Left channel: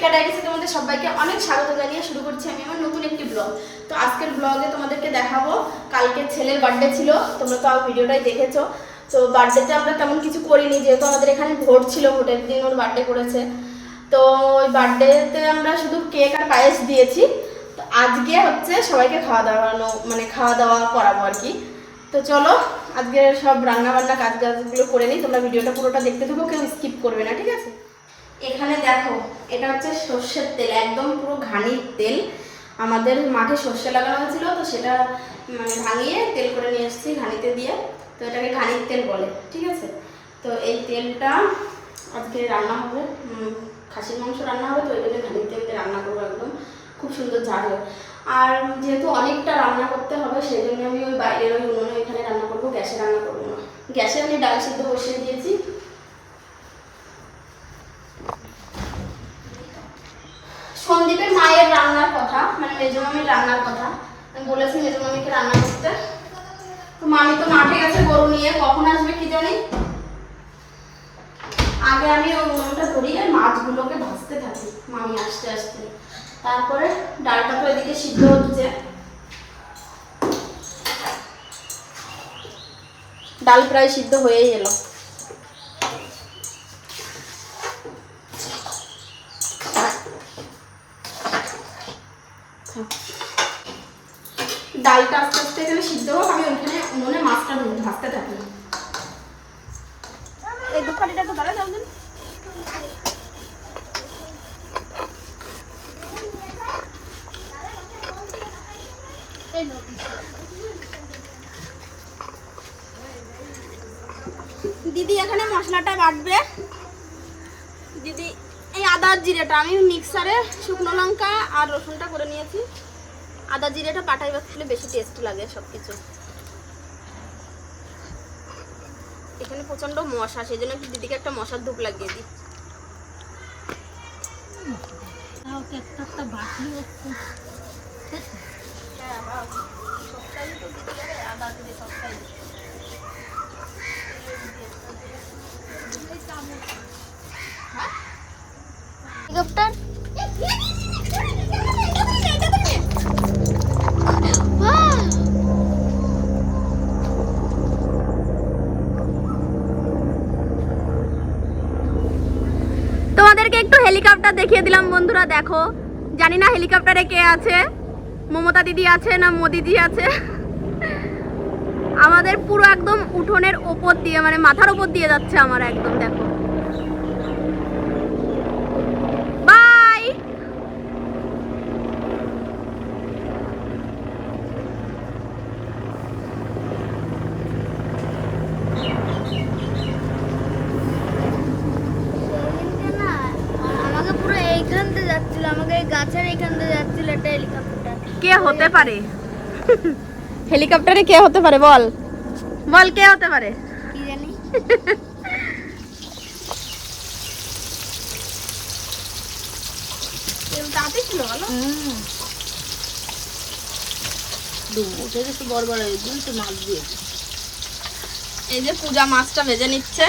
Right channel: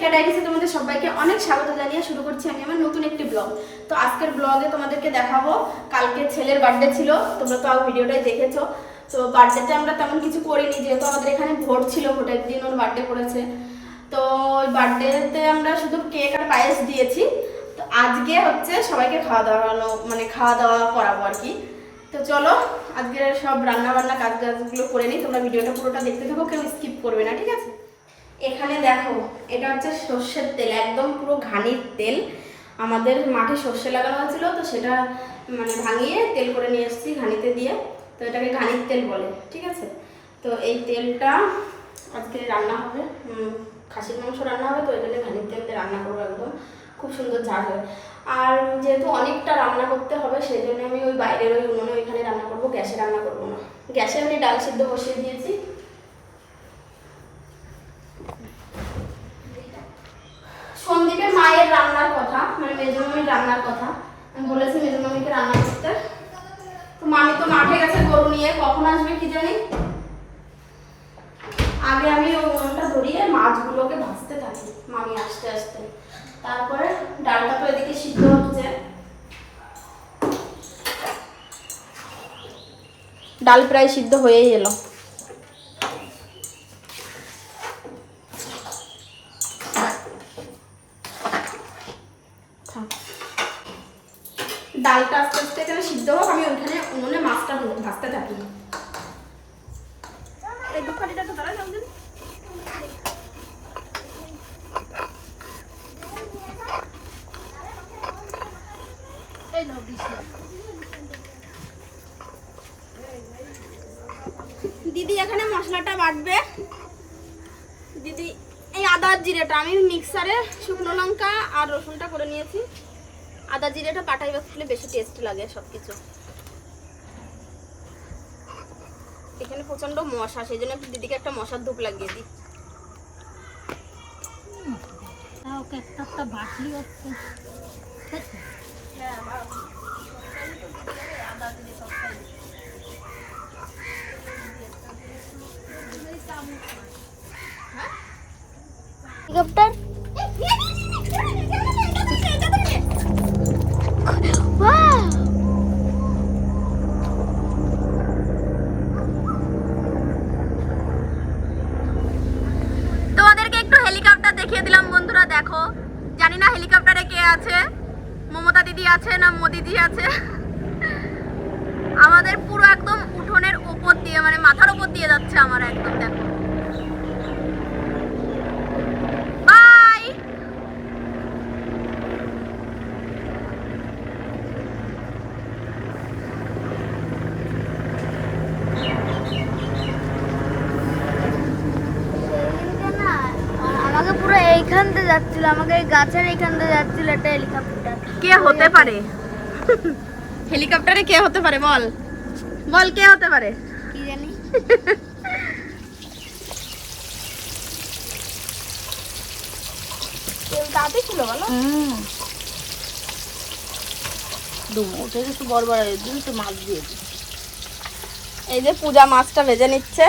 রিকা ডায়েরিতে তোমাদের সবাইকে অনেক স্বাগত জানিয়ে শুরু করছি আমি আমার নতুন একটি ব্লগ। তো আজকের ব্লগে তোমাদেরকে দেখাবো, কালকে ছেলের বার্থডে ছিল, তোমরা তো ভিডিওটাই দেখেছো। তো বার্থডেতে আমরা তেমন কিছু করিনি, যেহেতু আমাদের এখানে ভোট ছিল, ভোটের দিন ওর বার্থডে করেছে। তো ওই বার্থডেতে আমরা শুধু কেক আর পায়েস দিয়েছি। তো আজকে হচ্ছে সবাইকে খাওয়া দাওয়া করাবো আর কি। তো চলো আজকে সব রান্না বান্না কাজগুলো করে নিই, তোমরা ভিডিওটা পুরোটা দেখতে থাকো, কেউ স্কিপ করবে না, ঠিক আছে? এখানে দেখো, এটা হচ্ছে সর্ষের তেল, একদম পুরো ঘানির তেল। আমাদের মাঠে সর্ষে লাগানো হয়েছিল, তো সেটা ভাঙিয়ে তেল করে নিয়ে এসেছি ঘানিতে দিয়ে। তো এটাকে ঘানির তেল বলে, ঠিক আছে? তো এই তেলটা আজকে রান্না হবে, খাসির মাংস রান্না হবে, তো এই জন্য ঘানির তেলতে রান্না করবো, একদম খুব সুন্দর ঝাল হয়। আর যেহেতু অনেকটা রান্না করতে হবে, সেই জন্য আমি ওই বাইরের ওই উনুনে ওইখানে রান্না করবো, গ্যাসে রান্না করবো না। গ্যাসে আমি ডাল সিদ্ধ বসিয়ে দিয়েছি। সন্দীপের মায়ের রান্নার কথা, মেজমামির রান্নার কথা আমি বলেছি মেজমামিকে রান্না করতে। তো মামি তো মাঠে গেছে গরু নিয়ে, কখন আসবে কি জানি। আগে আমি ওটা ধরিয়ে মাছগুলোকে ভাজতে থাকি, মামি আসতে আসতে। তারপরে ডালটা তো এদিকে সিদ্ধ হচ্ছে, ডাল প্রায় সিদ্ধ হয়েই এলো। ডালটা আস্তে আস্তে এখানে সিদ্ধ হোক, আমি ওইখানে উনুনে মাছটা ভাজতে থাকি। এই দুপাটিটা তো দাঁড়া যাবেন। দিদি এখানে মশলাটা বাটবে। দিদি এই আদা জিরেটা আমি মিক্সারে শুকনো লঙ্কা আর রসুনটা করে নিয়েছি। আদা জিরেটা পাটাই বাটলে বেশি টেস্ট লাগে সবকিছু। এখানে প্রচন্ড মশা, সেই জন্য দিদিকে একটা মশার ধূপ লাগিয়ে দিই। একটা বাটলি হচ্ছে। হেলিকপ্টার তোমাদেরকে একটু হেলিকপ্টার দেখিয়ে দিলাম বন্ধুরা, দেখো। জানি না হেলিকপ্টারে কে আছে, মমতা দিদি আছে না মোদিজি আছে। আমাদের পুরো একদম উঠোনের ওপর দিয়ে, মাথার উপর দিয়ে যাচ্ছে আমার, একদম দেখো। বাই। আমাকে পুরো এইখান থেকে যাচ্ছিল, আমাকে এই গাছের এইখান থেকে যাচ্ছিল একটা হেলিকপ্টার। কে হতে পারে? হেলিকপ্টারে কে হতে পারে বল, বল কে হতে পারে? কি জানি। দাঁতে ছিল বলো। একটু বড় বড় একটু মাছ দিয়ে দিই। এই যে পূজা মাছটা ভেজে নিচ্ছে।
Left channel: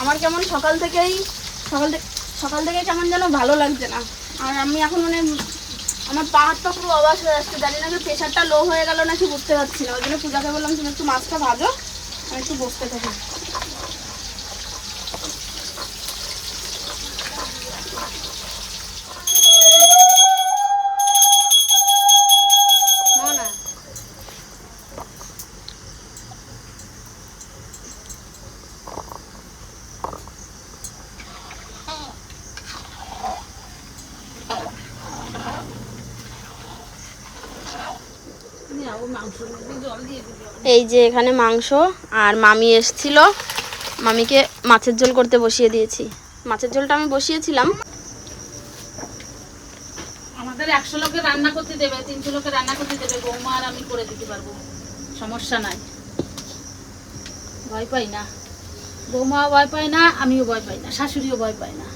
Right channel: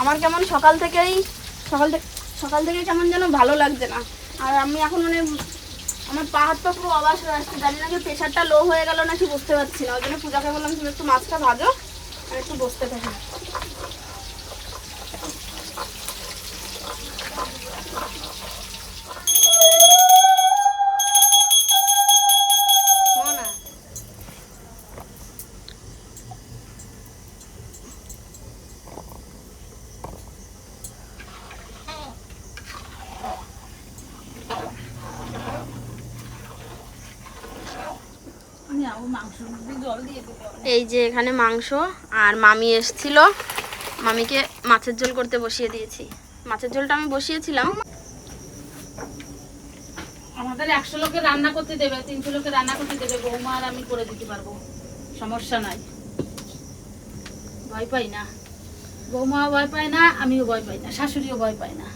আমার কেমন সকাল থেকে কেমন যেন ভালো লাগছে না। আর আমি এখন আমার পা হাত পা পুরো অবাস হয়ে আসছে, জানি না প্রেশারটা লো হয়ে গেল নাকি বুঝতে পারছি না। ওই জন্য পূজাকে বললাম তুমি একটু মাছটা ভাজো আর একটু বসতে থাকি। এই যে এখানে মাংস, আর মামি এসছিল, মামিকে মাছের ঝোল করতে বসিয়ে দিয়েছি। মাছের ঝোলটা আমি বসিয়েছিলাম। আমাদের 100 লোকের রান্না করতে দেবে, 300 লোকের রান্না করতে দেবে, বৌমা আর আমি করে দিতে পারবো, সমস্যা নাই। ভয় পাই না, বৌমাও ভয় পায় না, আমিও ভয় পাই না, শাশুড়িও ভয় পায় না।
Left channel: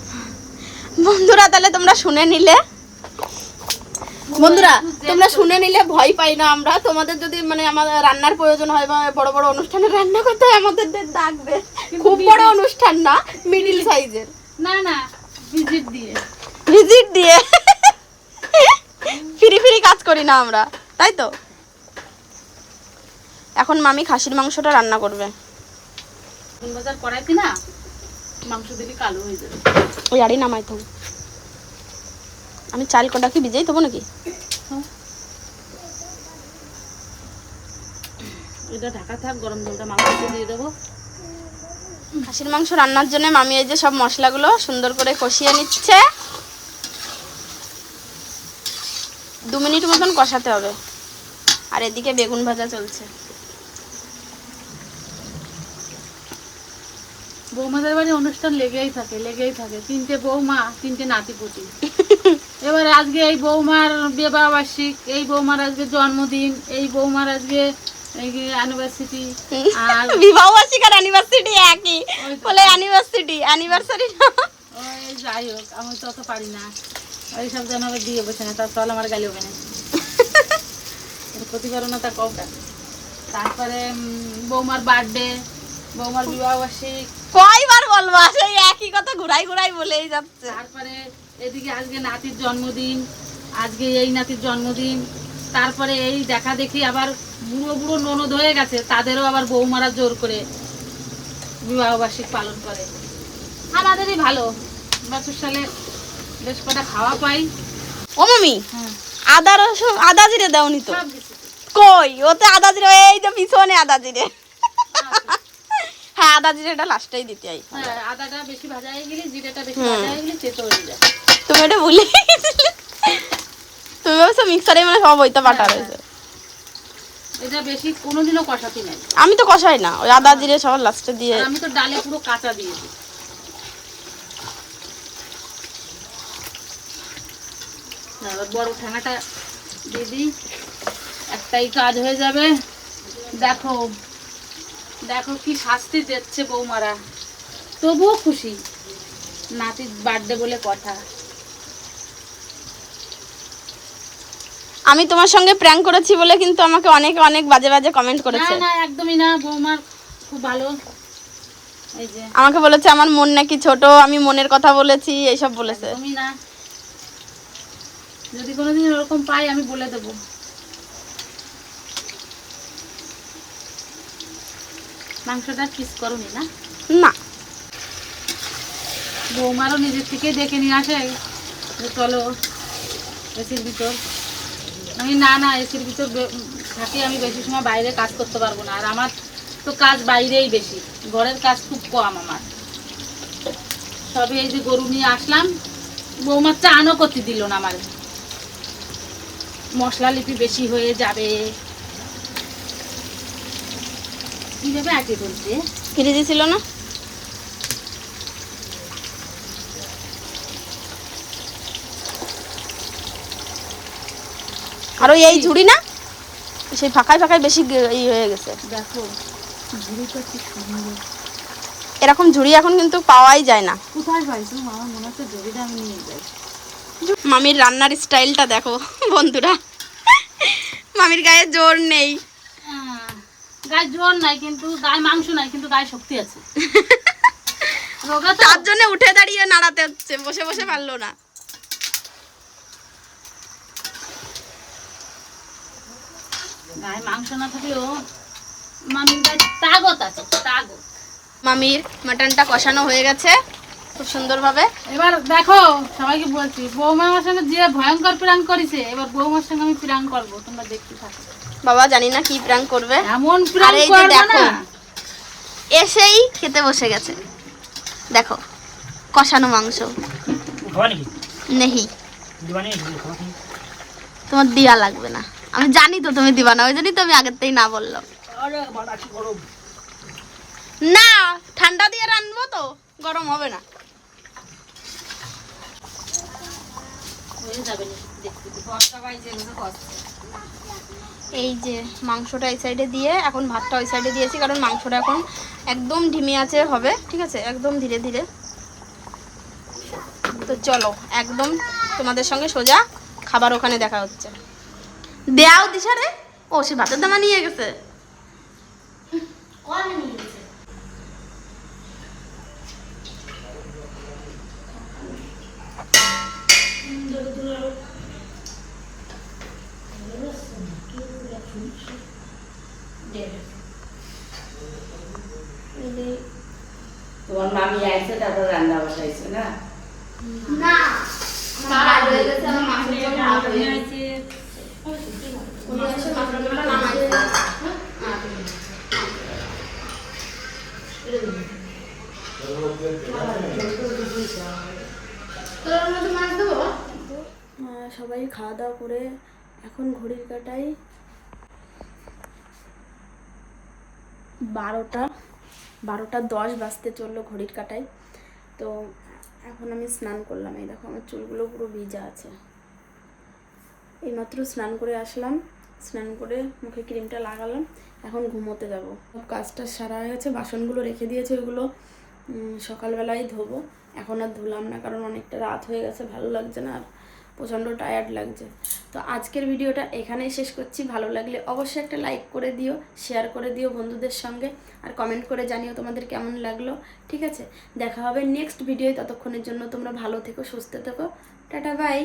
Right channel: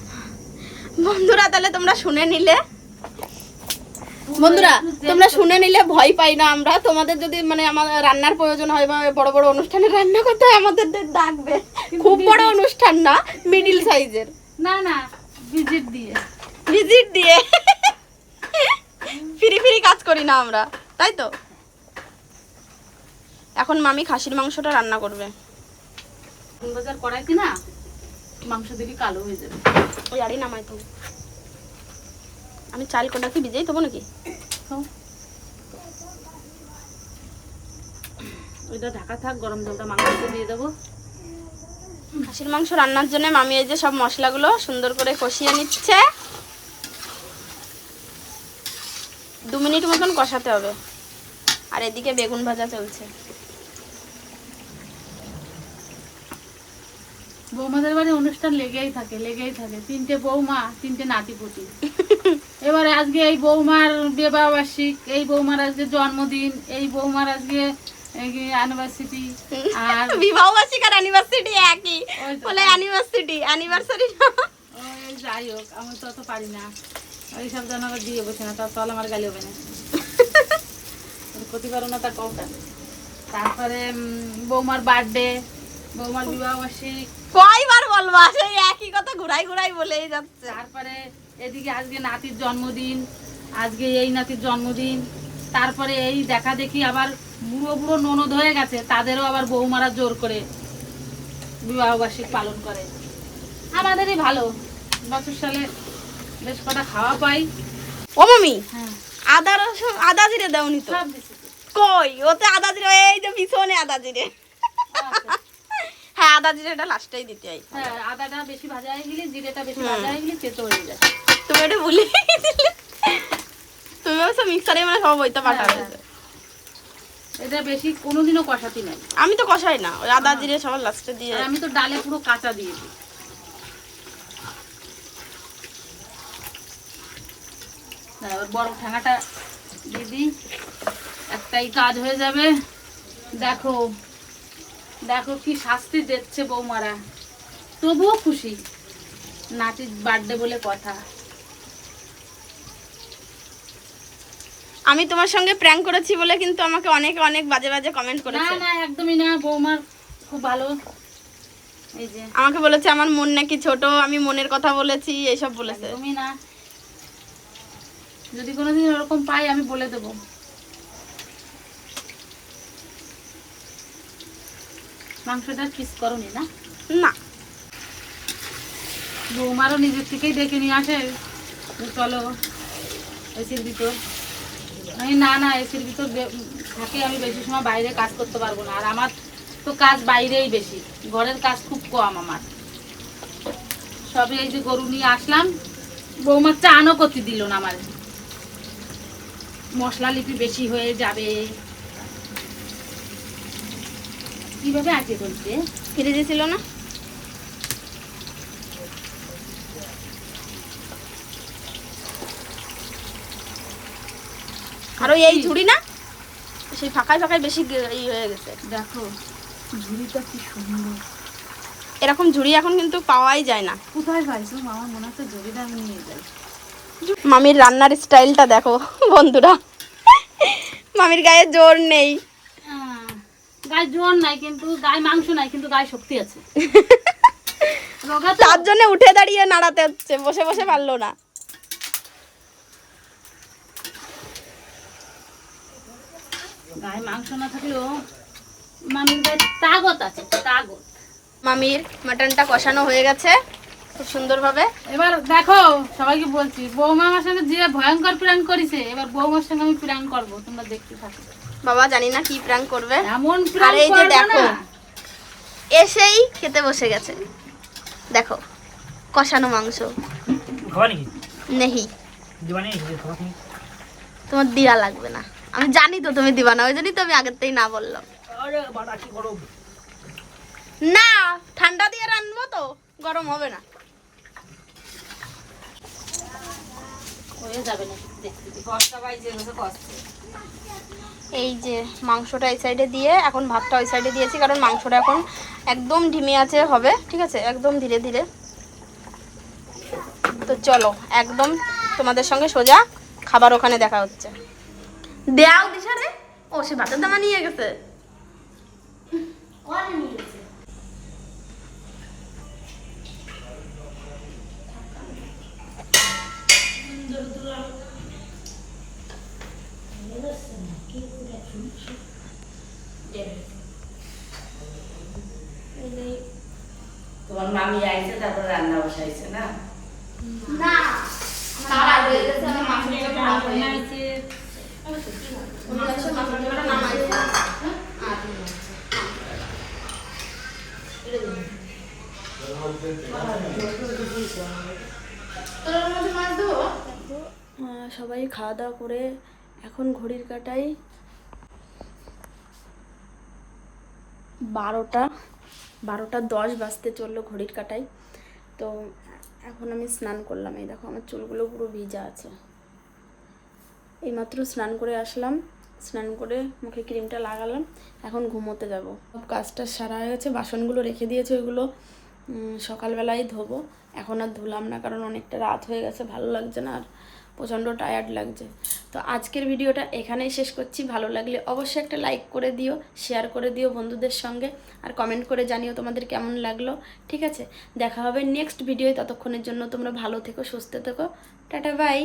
বন্ধুরা তাহলে তোমরা শুনে নিলে, ভয় পাই না আমরা। তোমাদের যদি আমাদের রান্নার প্রয়োজন হয় বা বড় বড় অনুষ্ঠানে রান্না করতে হয়, আমাদের ডাকবে। খুব বড় অনুষ্ঠান না, মিডিল সাইজের। না ভিজিট দিয়ে না আমরা, তাই তো? এখন মামি খাসির মাংসটা রান্না করবে। বাজার কড়াইতে না মাংস দিলে কালো হয়ে যাবে। ওই আরই নামাই তো, আমি চাল কটা কি ভিজেই দেবো নাকি? এটা ঢাকা থাক, গরম জলটা মাংসতে দিয়ে দেবো। খাসির মাংস রান্নার জন্য মামি এই যে সব মশলাগুলো সুন্দর করে কষিয়ে নিচ্ছে। 2 মিনিট মতন কষাতে হবে। আর এদিকে বেগুন ভাজা চলছে। বৌমাদের বাড়ি অনুষ্ঠান লেগেই থাকে। 3টে বৌমা, 3টে নাতিপুতি। এবার আজকে এই বৌমার বিবাহ বার্ষিক, এই বৌমার আজকে জন্মদিন, এই বৌমার আজকে অ্যানিভার্সারি। আর বিবাহ বার্ষিক আর অ্যানিভার্সারি একই বলে, অ্যানিভার্সারি ওই যাই হোক, আমি তো অত পারি না ওইসব যেন আবার দিয়ে বসে না, তার ফল আমার গালি হবে না, ক্ষতি পারো না তার কওটা। তারপরে বৌমার বার্থডে, বৌমার বিবাহ বার্ষিক, কয়বার বলবো সেই একই কথা ঘুরাই ঘুরাই বলেই যাচ্ছে। তারপরে এদিকে আজকে নাতির জন্মদিন, আজকে এই নাতির জন্মদিন, তারপরে এই দেখা দেখি আবার বুড়ো বুড়ো ননদ হয়ে গেছে, তাদেরও আবার বৌমারা জোর করে বিবাহ বার্ষিক পালন করে। আমাদেরই ভালো, বছর সালে বেশ কটা খাওয়া পাই। ও মামি, হ্যাঁ, আদা রসুন আদা জিরে দাওনি তো? সব কিছু তো। কই ওতে আদা জিরে, এই যে পিছনে আদা জিরে। হ্যাঁ, আদা জিরেটা লাস্টেই দিতে হয়। হ্যাঁ, আদাটা বেশি ভাজা হয়ে গেলে, জিরেটা বেশি ভাজা হয়ে গেলে তেতো হয়ে যায়। তুমি এটা ভুলে গেছিলে। তুমি ভাবছো মিক্সারে মানে সব হইতে বাটা রয়েছে। এটা বেশি কোনোদিনও কষাতি নাই। আমি তো কষাই না, ওই আদা জিরে সবার লাস্টে দিয়ে। আর আমি তো ডালে পুরো কাঁচা দিয়ে দিই। এবার বড় ঠ্যাঙাটা দিয়ে দিই, একটাই কাজ হয়ে যাবে। দেখো দেখো কি শাস্তি দিচ্ছে বৌমারা, তবুও খুশি। নাতির বার্থডে বলে কথা। আমি তোমার সঙ্গে প্র্যাঙ্ক করেছি বলে কিন্তু আমাকে অনেক অনেক বাজে বাজে কমেন্ট না করেছে। না, একদমই না, বৌমার খুব ভালো। এই যে আমাকে বলেছে আমার মন নাকি ছোট, আমি মনের কথা বলেছি, এইসব বলেছে। একদমই না, যদি কোনোদিন ওরকম পাই আমি বলে দেবো। মাংসটা পিস করনি না? না, বৌমারও নিজের থেকেই ডেকে নিয়ে আসে যে চলো এসির ভিতর। আমি না না, এসির ভিতর থাকে, আমি বেশি সময় বাইরে কাজ করতে পারবো না। আর আমার তো কাজ বাইরেই বেশি, ঘরের কাজ খুব কম আমার। সবে এই যে গরু নিয়ে আসলাম, বৌমার চানও করতে দিল না আমার, মশলা লিপি বেশি হয়ে যাবে। কিভাবে আটে তুলছে, ফিরে দিয়েছিল না? আর ওই এই ঝুড়ি না, সেই ফাঁকায় ফাঁকায় বেশি এই হয়ে গেছে। দেখো ঝুড়িটা কি সুন্দর। এরকম ঝুড়ি এখন কিন্তু পাওয়াই যায় না। কোথায় পাইছো? আমার মনে হচ্ছে ঝুড়িটা আমি নিয়ে যাই। মামির রান্নার স্টাইলটা দেখো বন্ধুরা, মামির গায়ে জোর নেই। গায়ে জোর নাই, কিন্তু গায়ে মাংস নাই, কিন্তু গায়ে শক্তি আছে। রোগা তো। তার জন্য উঠে দাঁড়িয়ে নাড়াতে হচ্ছে, বসে বসে পারলো না। গায়ে মাংস না থাকলেও মামির গায়ে তাগত আছে, তাগত। মামির মাটনটা কষানো হয়ে গেছে খুব সুন্দরভাবে। এবার দেখো, সবাইকে বলছি, বৌমা আমার সঙ্গে যে ভয়ঙ্কর প্রাণ করেছে, এবার বৌমার সঙ্গে আমি প্রাণ করবো, তোমরা দেখতে থাকো। বাবা জানি না কি প্র্যাঙ্ক করবে। এমন আর প্রাণ এই যে করবে দেখো, না। এসেই খেতে বসে গেছে। দেখো কষানো মাংস নেহি, তোমার দিয়া লাগবে না। আমি জানি তো তুমি দিবা না, ওই জন্যই তো আমি আগের থেকেই না বললাম। না, ঠান্ডা দিয়ে রান্নবো তো, গরম হবে না। হয়ে যাবে না, দেখতে দেখতে। এই যে মাংসটা এই সাইডে দিয়ে, এখন ভাতটা ওই সাইডে দিয়েছি, কারণ মাংসটা এখন একদম ধিমে আছে হবে, ঠিক আছে, একদম ধীরে ধীরে। তো চলো একদম তোমাদের সঙ্গে সোজা খাবার ওখানে দেখা হচ্ছে। দেয়াও দিশারে, ও সে ভাতের দামা নিয়ে গেছে। সবাই খাওয়া দাওয়া করে এখন ঘড়ির কাঁটায় 12:10 বাজতে চললো ঘড়ির কাঁটায়। তো এখন আমি স্নান করলাম, এই দেখো আমার চুলগুলো পুরো ভিজা আছে। এইমাত্র স্নান করে আসলাম, স্নান করে মুখে ক্রিমটা লাগালাম, এখন ঘুমোতে যাব। সব কাজটা সারা হয়ে গেছে, বাসনগুলো রেখে দিয়েছে, ওইগুলো সকালবেলায় ধোবো। এখন আর ধুলাম না, কারণ অনেকটা রাত হয়ে গেছে, ভালো লাগছে না আর প্রচণ্ড টায়ার্ড লাগছে। তো আজকের ভিডিওটা এখানেই শেষ করছি। ভালো লাগলে অবশ্যই একটা লাইক করে দিও, শেয়ার করে দিও বন্ধুদের সঙ্গে, আর কমেন্ট করে জানিও তোমাদের কেমন লাগলো। ঠিক আছে, দেখা হবে নেক্সট ভিডিওয়। ততক্ষণের জন্য তোমরা ভালো থেকো, সুস্থ থেকো, টাটা বাই।